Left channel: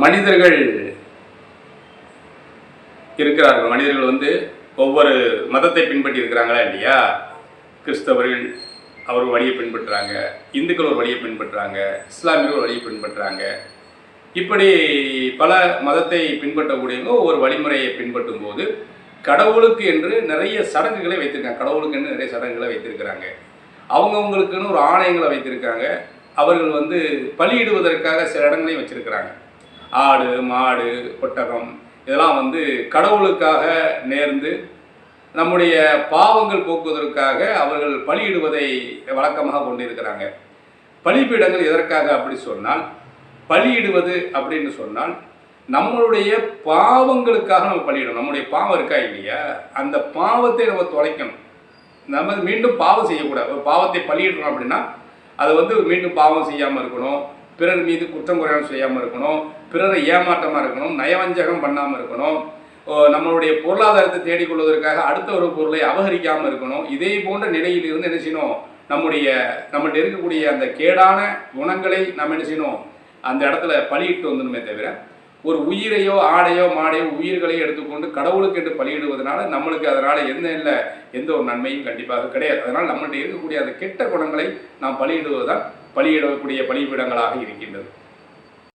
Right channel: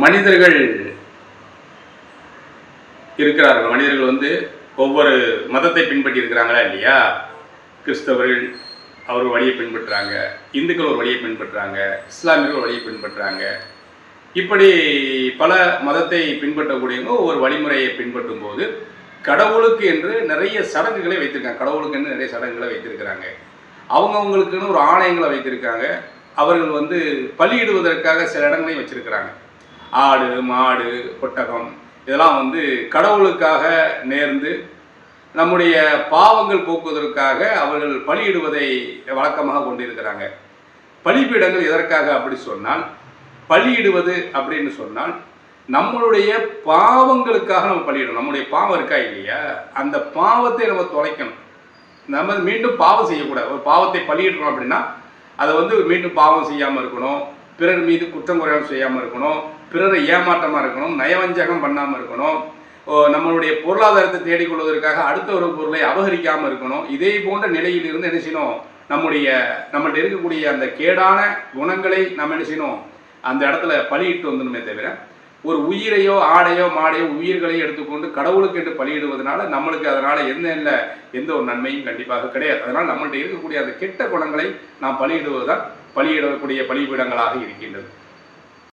மனிதர்கள் இருக்கிறார்கள். மனிதர்கள் ஒவ்வொரு மதத்தை பின்பற்றி இருக்கிறாங்களா இல்லையா? கிறிஸ்தவர்கள் அவர் வழியை பின்பற்றுறாங்க, இந்துக்கள் ஒரு வழியை பின்பற்றுறாங்க, இஸ்லாமியர்கள் ஒரு வழியை பின்பற்றுறாங்க. இப்படி பல மதத்தை பின்பற்றக்கூடியவங்க ஒவ்வொரு வழிமுறையை பின்பற்றும் போது கடவுளுக்கு என்று நிறைய சடங்குகளை வைத்திருக்காங்க. கடவுளுக்கு என்று நிறைய சடங்குகளை வைத்திருக்கிறாங்க. அவங்கவுங்களுக்குன்னு ஒரு ஆணையங்களை வைத்திருக்காங்க. அவர்கள் பலியிடுவதற்காக சில இடங்களையும் வச்சிருக்கிறாங்க. ஆடு, மாடு, ஒட்டகம் இதெல்லாம் கடவுளுக்காக நேர்ந்து நம்முடைய பாவங்கள் போக்குவதற்காக அவர்கள் பலியிடுவதை வழக்கமாக கொண்டிருக்கிறாங்க. பலிபீடங்கள் எதற்காக அப்படி சொன்னால், பலியிடுவது அப்படின்னு சொன்னால் நம்மளுடைய பாவங்களுக்காக நம்ம பலியிடணும். நம்முடைய பாவம் இருக்கா இல்லையா, அந்த பாவத்தை நம்ம தொலைக்கணும். நம்ம மீண்டும் பாவம் செய்யக்கூடாது. ஒரு பாவத்தை பலியிடுறோம் அப்படின்னா அதை மீண்டும் பாவம் செய்யாமல் இருக்கணும், பிறர் மீது குற்றம் குறையாமல் செய்யாமல் இருக்கணும், பிறரை ஏமாற்றமாக இருக்கணும், நயவஞ்சகம் பண்ணாமல் இருக்கணும், நம்மளுடைய பொருளாதாரத்தை தேடிக்கொள்வதற்காக அடுத்த ஒரு பொருளை அபகரிக்காமல் இருக்கணும். இதே போன்ற நிலையில் இருந்து என்ன செய்யணும், நம்மள்ட்ட இருக்கக்கூடிய அந்த கேடான குணங்களை நம்ம என்ன செய்யணும், அந்த இடத்துல பலியிட்டு வந்துடுமே தவிர ஒரு உயிரையோ ஆடையோ மாடையோ உயிர்களையோ எடுத்துக்கொண்டு கடவுளுக்கு என்று பலியிடுவதனால நம்மளுக்கு அதனால் எந்த ஒரு நன்மையும் கண்டிப்பாக கிடையாது. அதனால் நம்மள்ட்ட இருக்கக்கூடிய அந்த கெட்ட குணங்களை நாம் பலியிடுவதுதான் பலியிடக்கூடிய பலிபீடங்களாக இருக்கின்றது.